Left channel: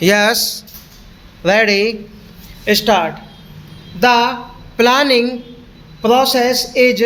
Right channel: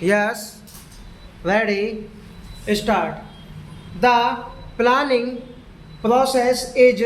Yes, ready, start. The planning process is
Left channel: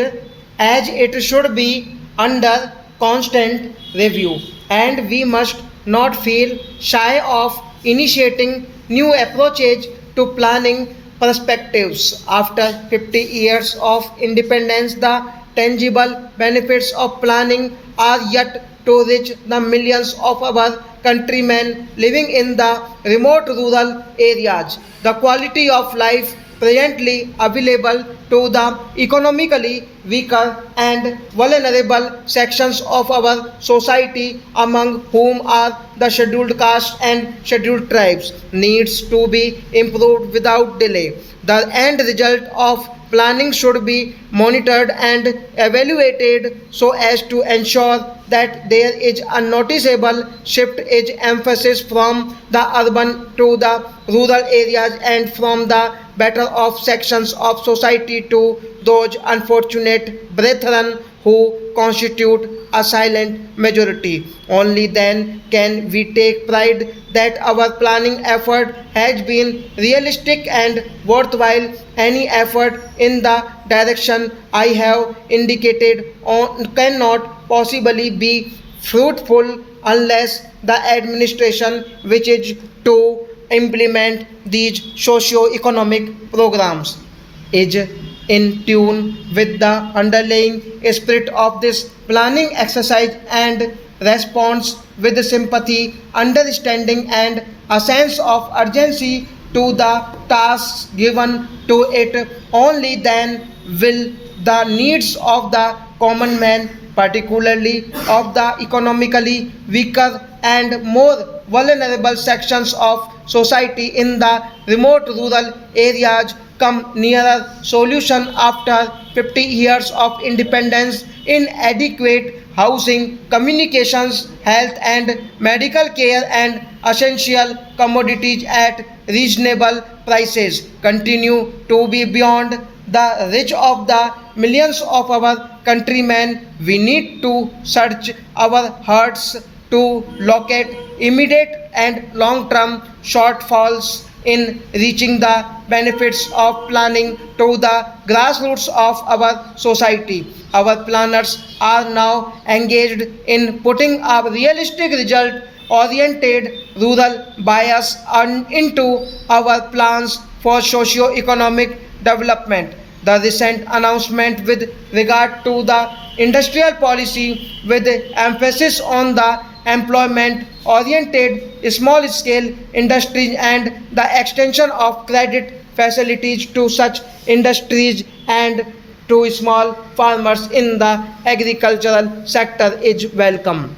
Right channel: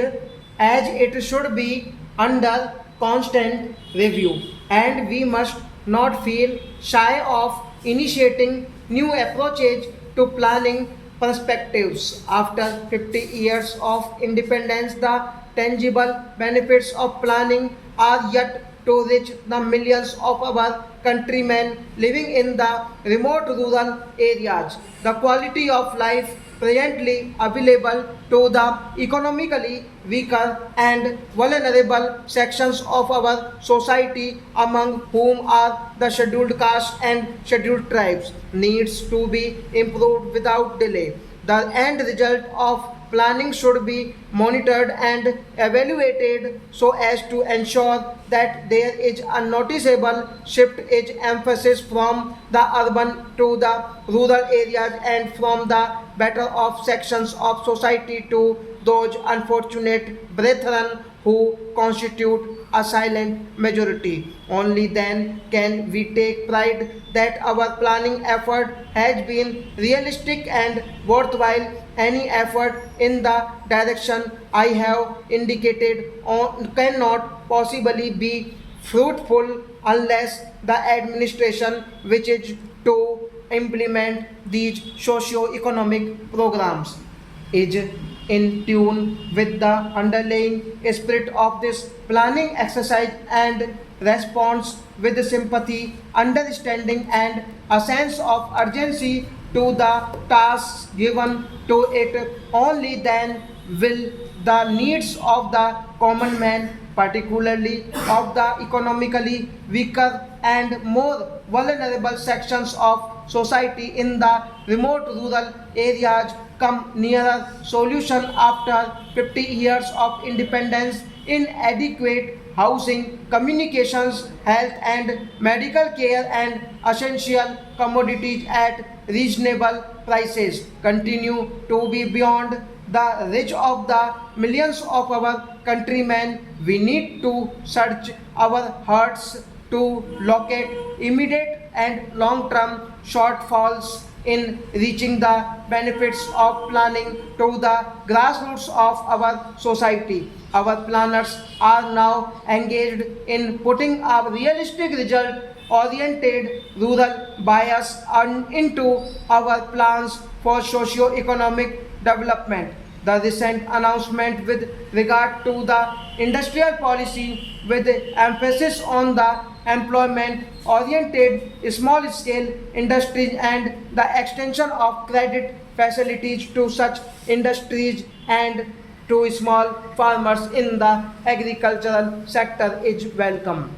as it should be under constant review, and we must not feel shy of initiating new approaches to planning perspectives. After 50 years of independence, the tangible benefits of planning are yet to reach the millions of our countrymen living in the remote rural areas. The quality of life presently available to the economically weaker and vulnerable sections of our society, among whom are the scheduled castes and scheduled tribes, needs to be improved without delay. The end result of planning should be monitored and evaluated so as to ensure that there is a noticeable shift in emphasis from the urban to the rural areas and from the better off sections of society to those unfortunate brethren who constitute a silent majority. Only then can we take pride that our planning effort has been realistic and worthwhile. Any effort in the direction I have indicated cannot possibly be fruitful unless the administration which is to implement these socio-economic programs is in tune with the underlying spirit of this planning exercise and responds with sympathy, understanding, and a sense of urgency to the tasks given to it. Only then will the needs of the common man, particularly of the economically weaker and more vulnerable sections of society in the remote rural areas, come nearer solution. After 50 years of independence, inadequate housing, communications, health and medical care and essential commodities at reasonable prices continue to be beyond the reach of the millions of our countrymen. We need to search our hearts to locate immediate and long-term shortfalls in reaching the benefits of planning to the grassroots of our society. Our planners are now engaged in putting a realistic result oriented rural bias into our plans for socio-economic development. The recent announcement with regard to the industrial policy with emphasis on the employment oriented small scale industries and the extension of credit facilities to such industries and to small farmers in the agricultural sector is welcome.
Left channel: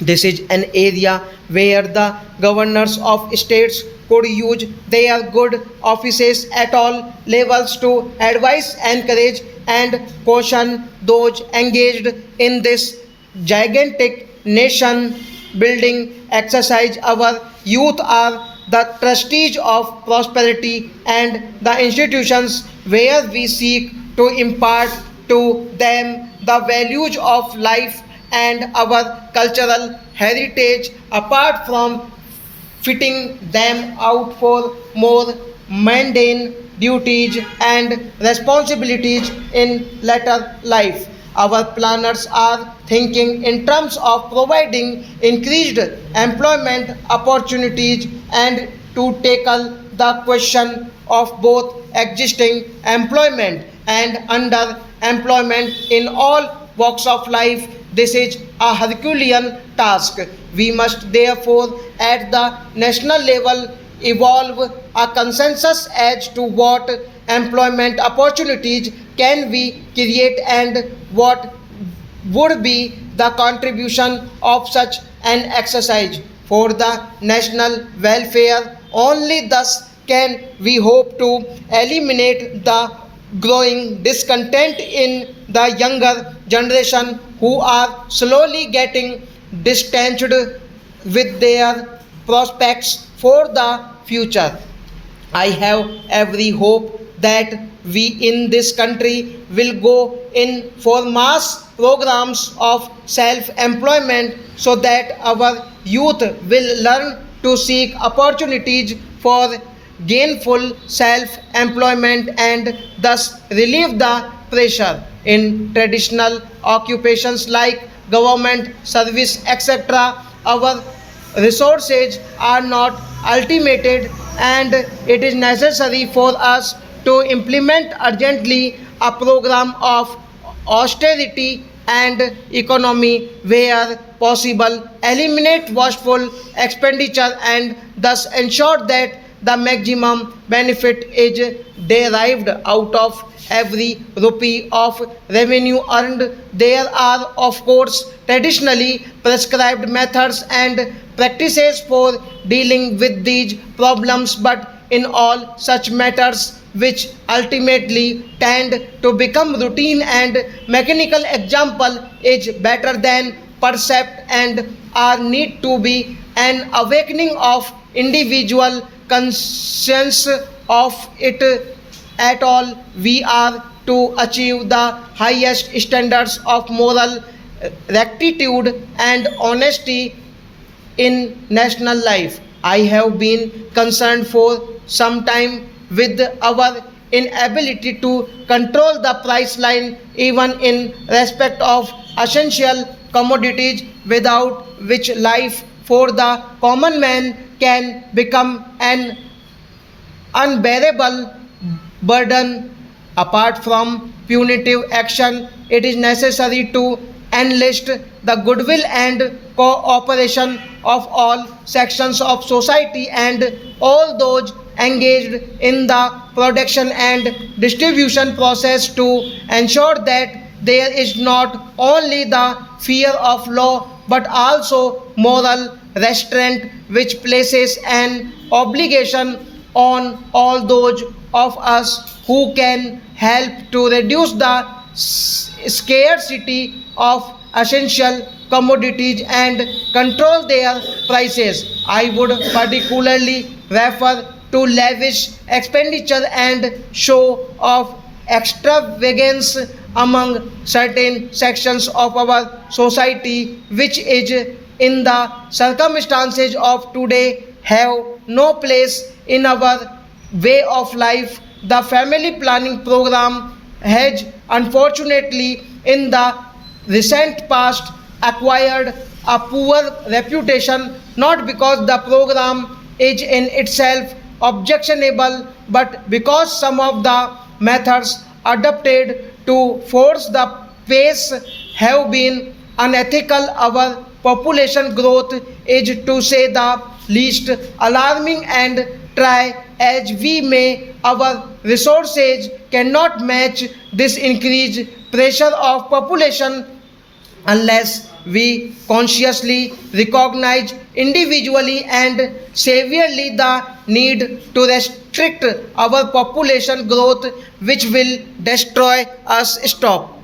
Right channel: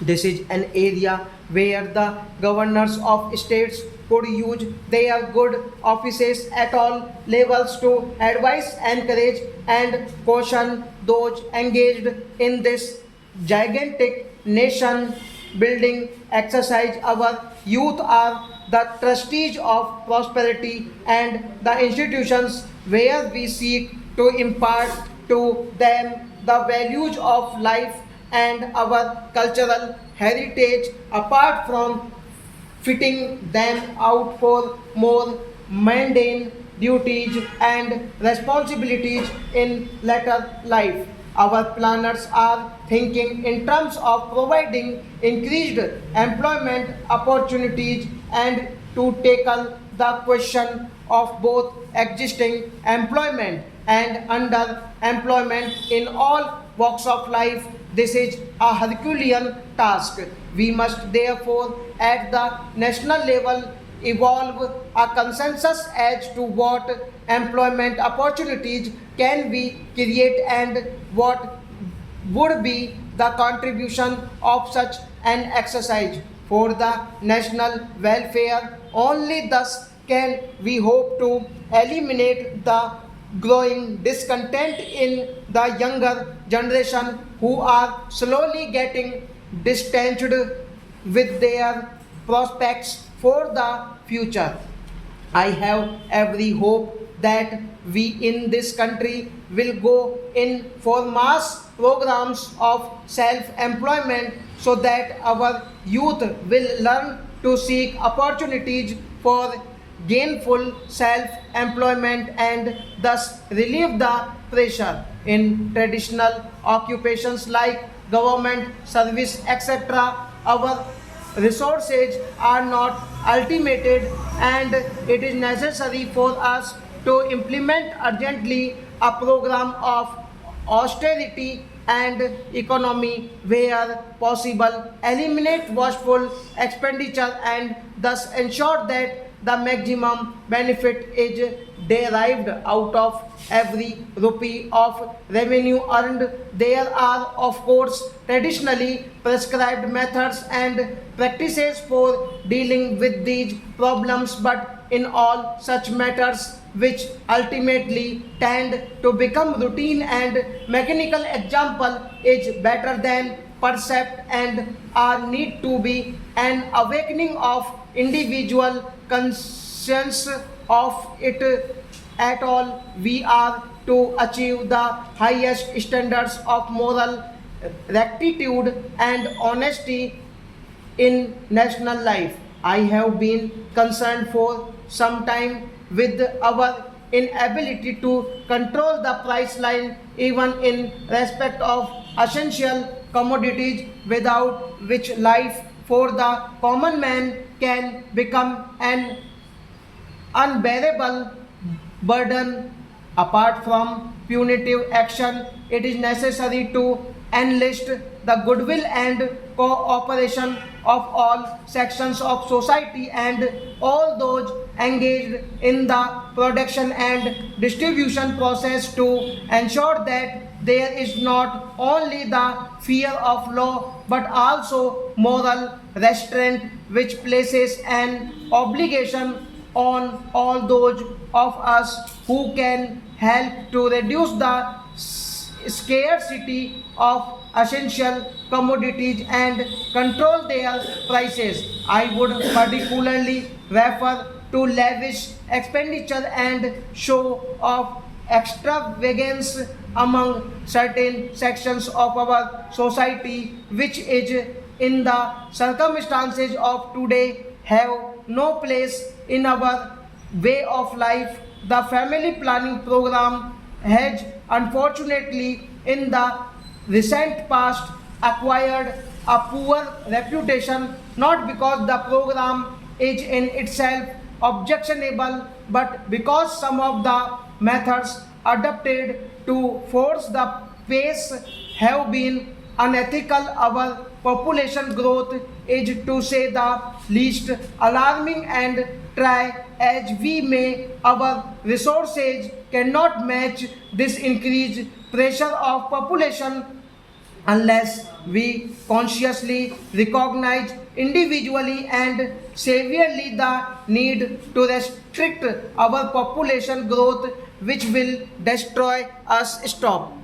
This is an area where the governors of states could use their good offices at all levels to advise, encourage, and caution those engaged in this gigantic nation building exercise. Our youth are the trustees of prosperity and the institutions where we seek to impart to them the values of life and our cultural heritage apart from fitting them out for more mundane duties and responsibilities in later life. Our planners are thinking in terms of providing increased employment opportunities and to tackle the question of both existing employment and underemployment in all walks of life. This is a Herculean task. We must therefore, at the national level, evolve a consensus as to what employment opportunities can we create and what would be the contribution of such an exercise for the national welfare. Only thus can we hope to eliminate the growing discontent in the younger generation who are slowly getting distanced with their prospects for the future. I have every hope that we in this country will go in for mass programs of self employment so that our youth will learn to seek opportunities for gainful self-employment and thus relieve the pressure in traditional occupations like government service, etc. Our resources are not ultimated, and it is necessary for us to implement urgently a program of austerity and economy where possible, eliminate wasteful expenditure and thus ensure that the maximum benefit is derived out of every rupee of revenue earned. There are, of course, traditionally prescribed methods and practices for dealing with these problems, but in all such matters which ultimately tend to become routine and mechanical, example is better than percept and are need to be an awakening of individual conscience of it at all. We are to achieve the highest standards of moral rectitude and honesty in national life. I have been concerned for some time with our inability to control the price line even in respect of essential commodities, without which life for the common man can become an unbearable burden. Apart from punitive action, it is necessary to enlist the goodwill and cooperation of all sections of society and all those engaged in the production and distribution process to ensure that there is not only the fear of law but also moral restraint, which places an obligation on all those of us who can help to reduce the scarcity of essential commodities and control their prices. I would particularly refer to lavish expenditure and show of extravagance among certain sections of our society, which is in the circumstances of today have no place in our way of life. The family planning program has unfortunately in the recent past acquired a poor reputation, not because the program is in itself objectionable, but because some of the methods adopted to force the pace have been unethical. Our population growth is, to say the least, alarming, and try as we may, our resources cannot match this increased pressure of population unless we consciously recognize individually and severely the need to restrict our population growth, which will destroy us. Stop.